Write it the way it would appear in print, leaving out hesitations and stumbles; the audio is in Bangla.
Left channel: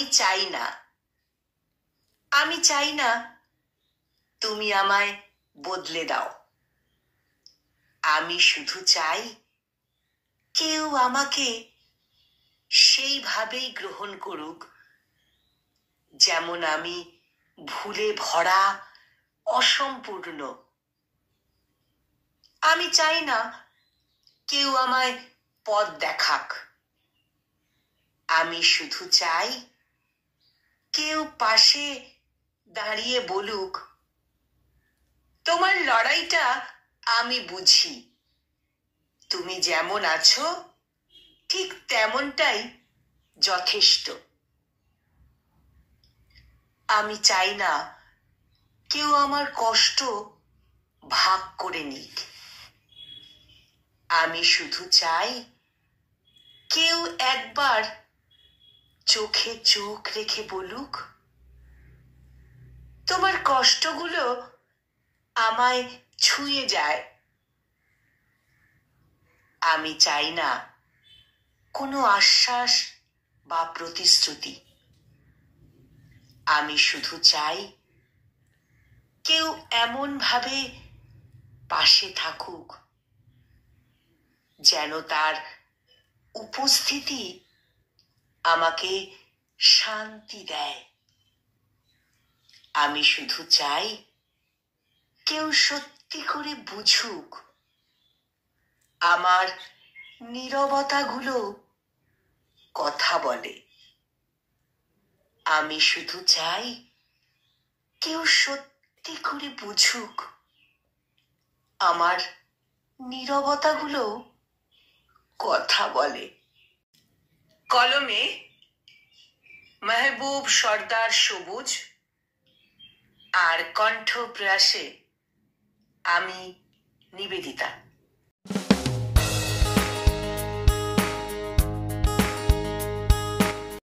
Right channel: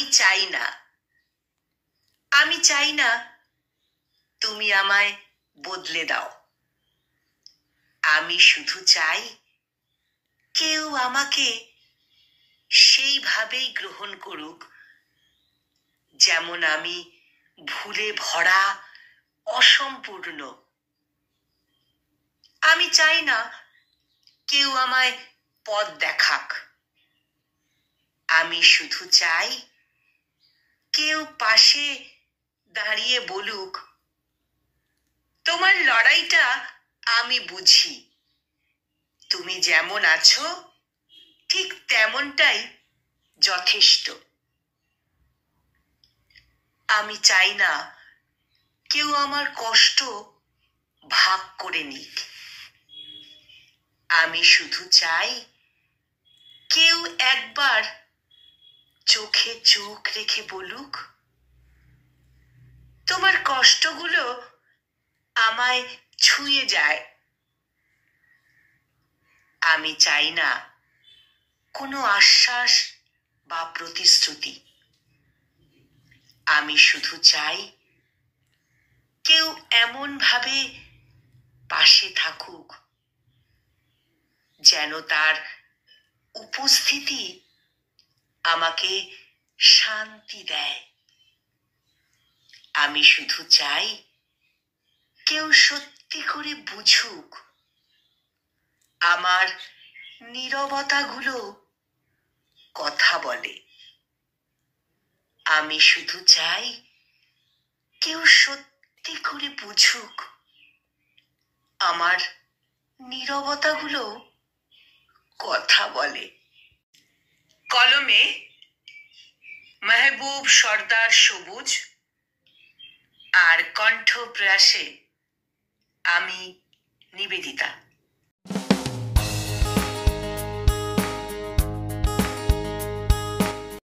আমি চাই না, আমি চাই না তুমি আমায় বদলে দাও। আমি শুধু চাই কেউ আমাকে সেইভাবেই গ্রহণ করুক যেমন আমি, ভুলে ভরা, অসম্পূর্ণ। আমি চাই না কেউ আমায় পথ দেখাক। আমি শুধু চাই কেউ পাশে দাঁড়িয়ে বলুক, তোমার লড়াইটা আমি বুঝি, তুমি যেমন আছো ঠিক তেমনটাই যথেষ্ট। আমি চাই না কেউ আমার কষ্ট ভাগ করে নিক। আমি শুধু চাই কেউ একবার চোখে চোখ রেখে বলুক, তোমার কষ্টগুলো আমায় ছুঁয়ে যায়। আমি চাই না কোনো আশ্বাস বা প্রতিশ্রুতি। আমি শুধু চাই কেউ এমন ভাবে পাশে থাকুক যেন তার উপস্থিতি আমাকে শান্তি দেয়। আমি শুধু চাই কেউ সত্যি করে বুঝুক আমার নীরবতাগুলো কথা বলে। আমি শুধু চাই কেউ সত্যি করে বুঝুক আমার নীরবতাগুলো কথা বলে। কলমে মেহবুব সর্দার সবুজ, আর কণ্ঠ প্রয়াসে আমি নিবেদিতা।